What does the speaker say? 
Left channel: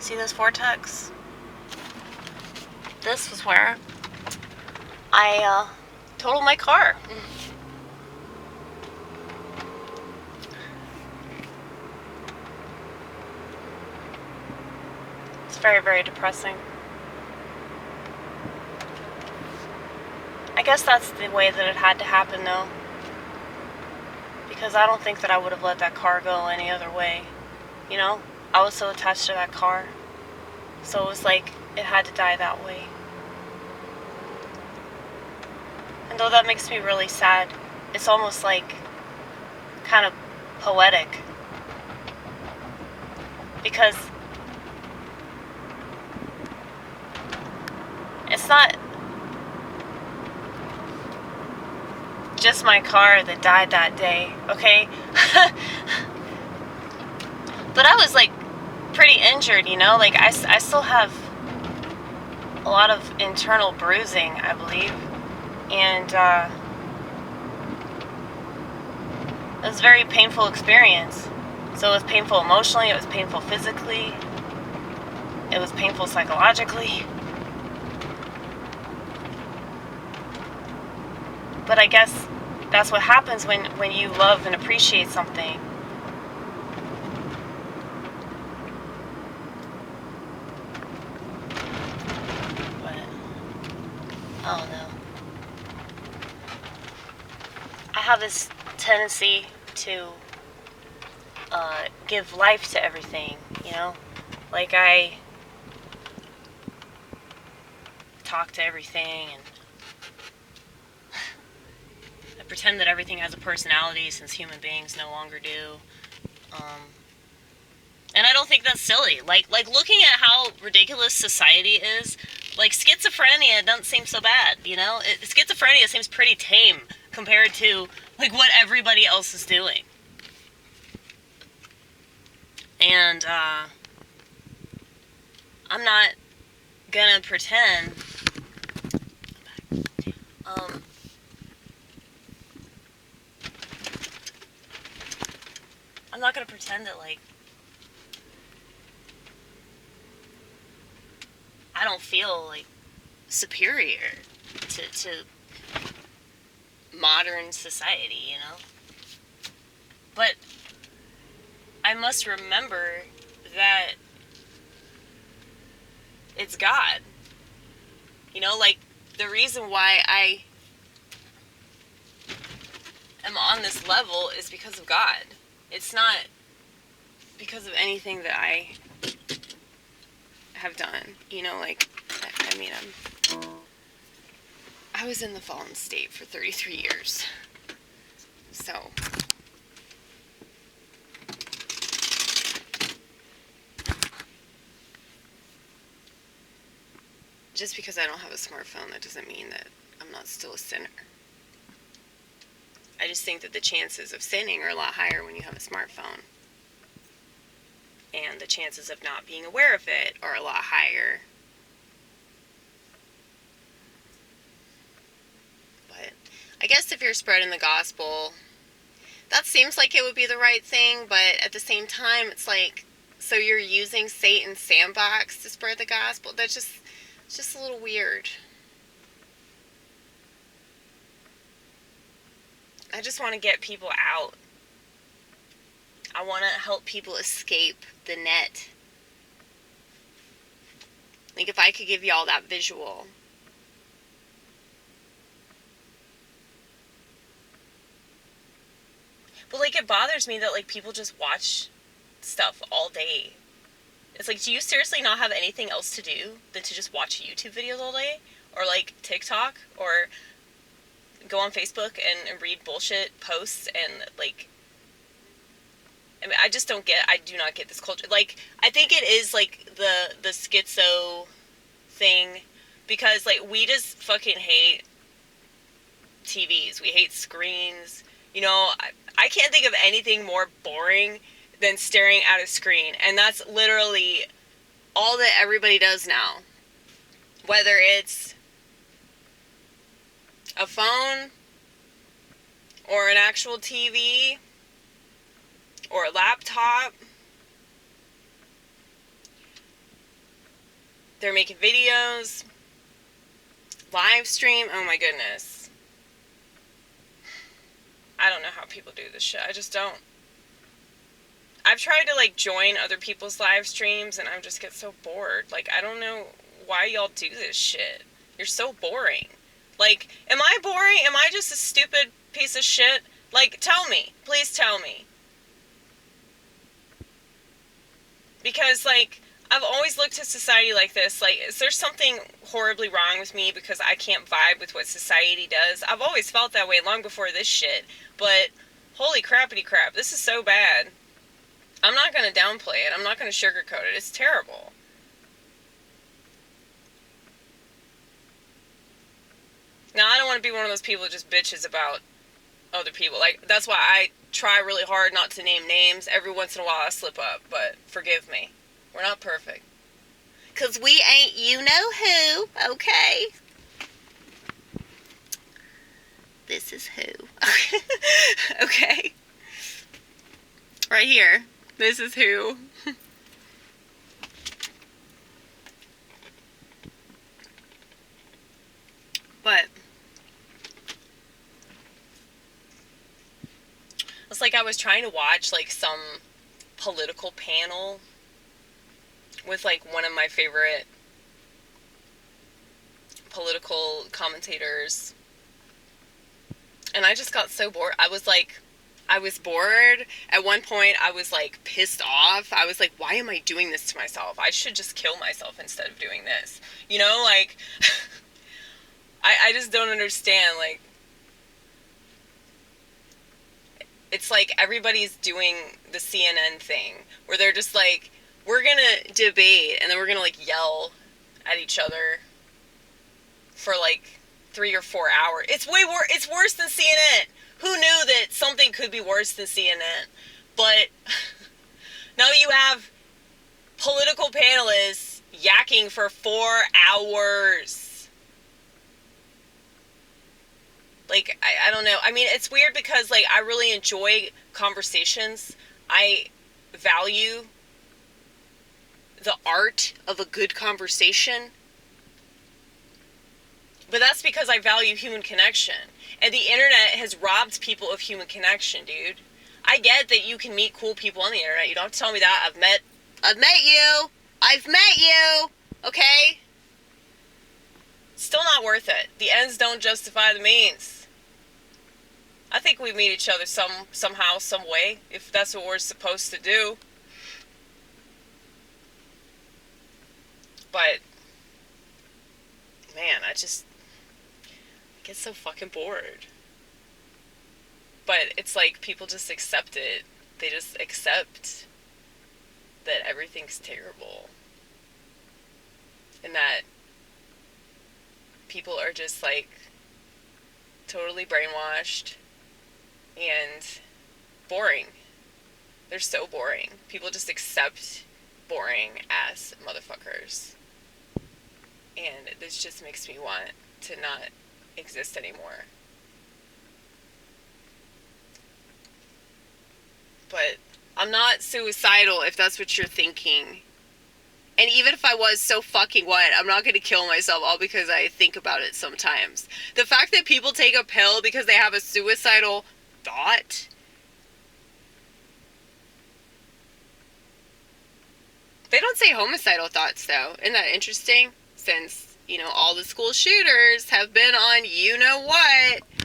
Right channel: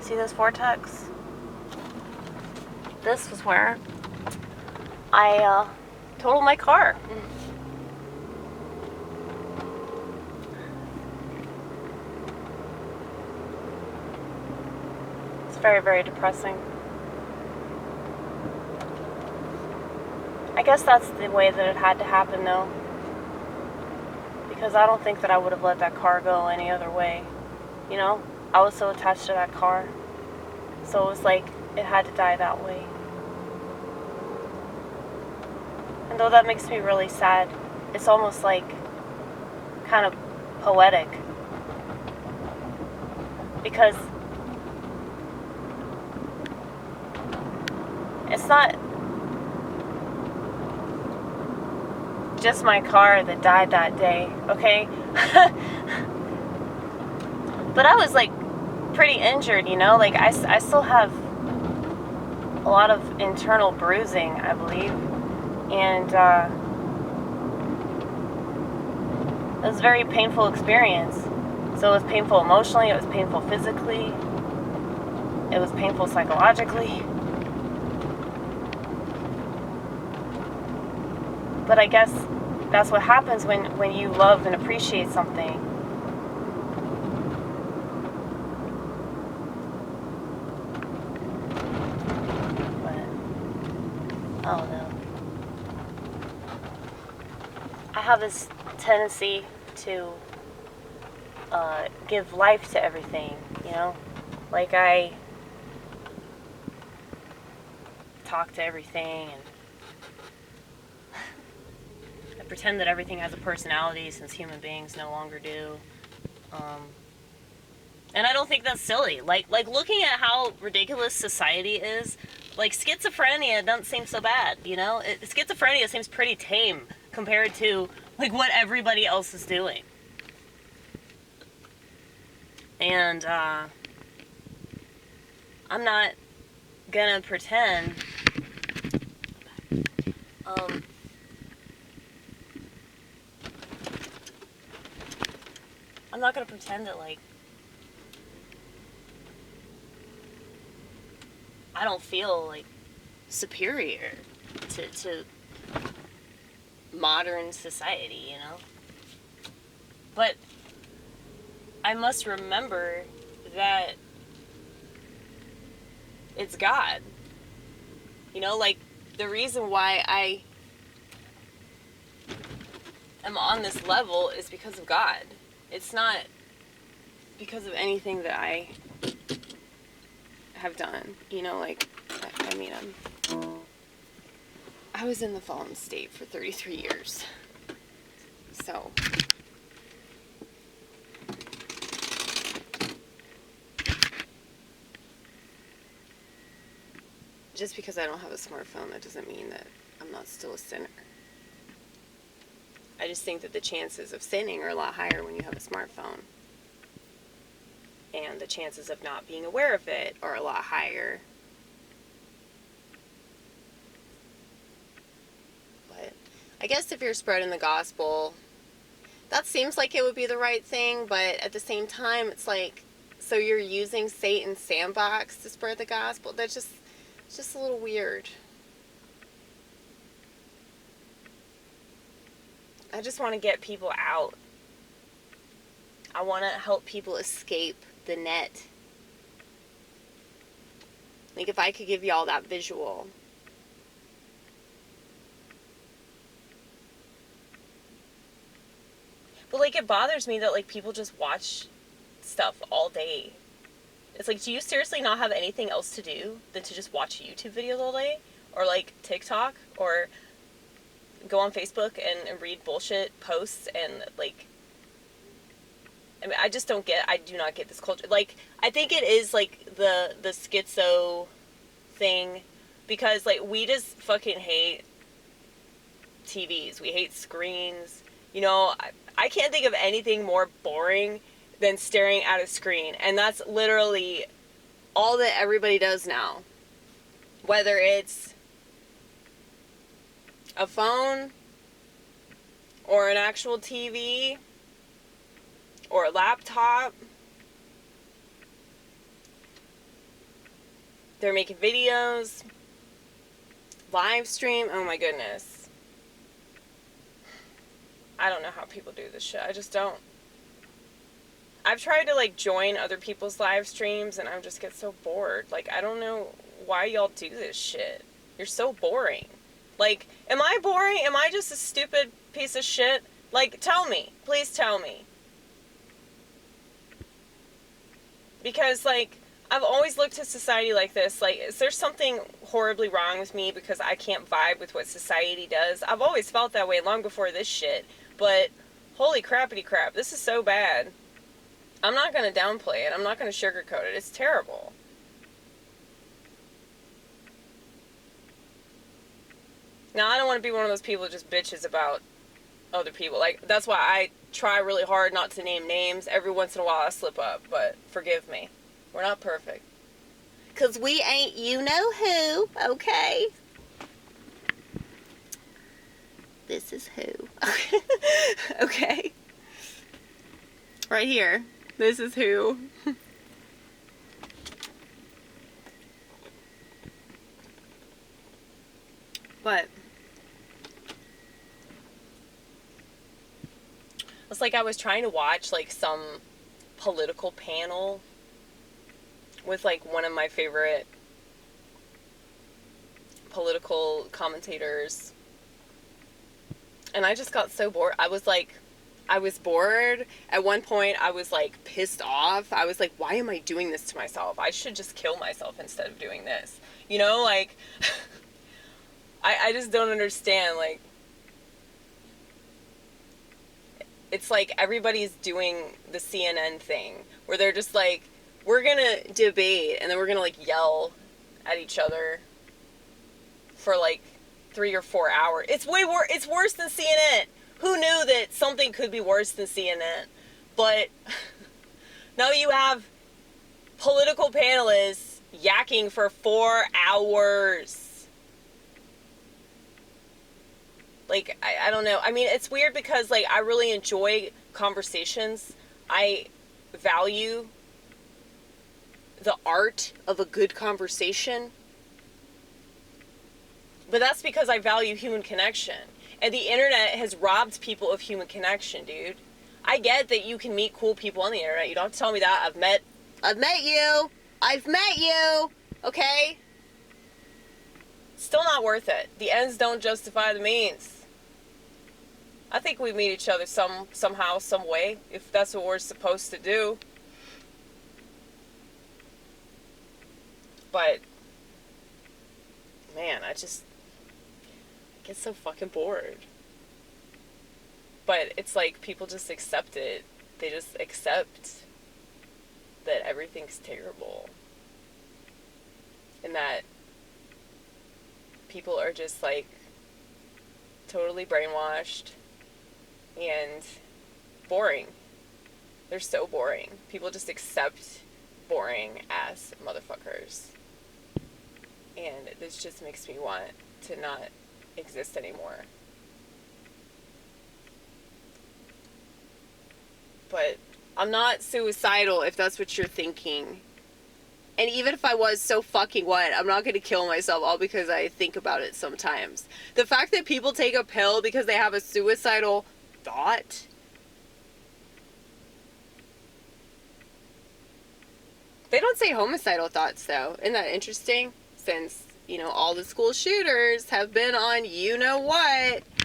See this vortex? This was where I totaled my car. It's very, very depressing. I guess that's the way that it had to happen, though. Because I don't think that I would have let that car go any other way. You know? I was so attached to that car. So it was like, it had to die that way. And though that makes me really sad, it's almost like kind of poetic. Because it's not just my car that died that day, okay? But I was like pretty injured, you know? Like I still have a lot of internal bruising, I believe. And it was a very painful experience. So it was painful emotionally, it was painful physically, it was painful psychologically. But I guess that's what happens when you love and appreciate something. But, I don't know. I have this tendency to give life to everything, you know? Like I talk to everything and I pretend that everything has a personality since human beings no longer do. And I don't think that's silly. Like looking at how ridiculous society is, like schizophrenia doesn't seem so bad, you know? Schizophrenia seems pretty tame compared to like what everybody else is doing. And I'm not gonna pretend I'm not gonna pretend that like I don't feel like superior to modern society, you know? But I must remember that it's God. You know, like the reason why I am on this level is because of God. It's not because of anything that I have done. You know, like, I mean, I was in the fallen state for 33 years. So, just because I don't have a smartphone, that doesn't mean that I'm not still a sinner. I just think that the chances of sinning are a lot higher when you have a smartphone. And the chances of not being aware of it are a lot higher. But I guess if you're spreading the gospel, that seems like it would be the right thing, but at the same time, it's like, so you're using Satan's sandbox to spread the gospel? It's just a little weird. I just want to get people out. I want to help people escape the net. Like, if I could give y'all that visual. But, like, it bothers me that, like, people just watch stuff all day. It's like, do you seriously not have anything else to do than to just watch YouTube videos all day? Or, like, TikTok? Or go on Facebook and read bullshit posts and, like... I mean, I do not get this culture. Like, I think it is, like, the schizo thing. Because, like, we just fucking hate TVs. We hate screens. You know, I can't think of anything more boring than staring at a screen. And that's literally all that everybody does now. Whether it's a phone or an actual TV or a laptop They're making videos, live stream. Oh my goodness. I don't know how people do this shit. I just don't. I've tried to, like, join other people's live streams, and I just get so bored. Like, I don't know why y'all do this shit. You're so boring. Like, am I boring? Am I just a stupid piece of shit? Like, tell me. Please tell me. Because, like, I've always looked at society like this. Like, is there something horribly wrong with me because I can't vibe with what society does? I've always felt that way long before this shit. But, holy crappity crap, this is so bad. I'm not going to downplay it. I'm not going to sugarcoat it. It's terrible. Now, I don't want to be one of those people that just bitches about other people. Like, that's why I try really hard not to name names. Every once in a while I slip up, but forgive me. We're not perfect. 'Cause we ain't you-know-who, okay? This is who. Okay? Right here. This is who. But it's like I was trying to watch, like, some political panel with, like, one of my favorite political commentators, and I just got so bored. I was bored. At one point, I was, like, pissed off. I was like, why am I doing this to myself? I should just kill myself instead of doing this. You know, like, I just don't understand, like, it's like everybody's doing the CNN thing, where they're just like, we're gonna debate, and then we're gonna, like, yell at each other for, like, 3 or 4 hours. It's worse than CNN. Who knew that something could be worse than CNN? But now you have political panelists yakking for 4 hours. Like, I don't know. I mean, it's weird because, like, I really enjoy conversations. I value the art of a good conversation. But that's because I value human connection. And the internet has robbed people of human connection, dude. I get that you can meet cool people on the internet. You don't have to tell me that. I've met you. I've met you. Okay? Still not worth it. The ends don't justify the means. I think we meet each other somehow, some way, if that's what we're supposed to do. But, man, I get so fucking bored. But it's like people just accept it. They just accept that everything's terrible. And that people are just, like, totally brainwashed and boring. They're so boring. People just accept boring ass motherfuckers. And this just makes me want to not exist anymore. But I'm not suicidal, if that's what you're thinking. And even if I was, so fucking what? I'm not going to kill myself all because I think about it sometimes. The fact that people take a pill because they have a suicidal thought. They don't say homicidal thoughts, though. Isn't that interesting? Since, you know, all the school shooters have been on you know what.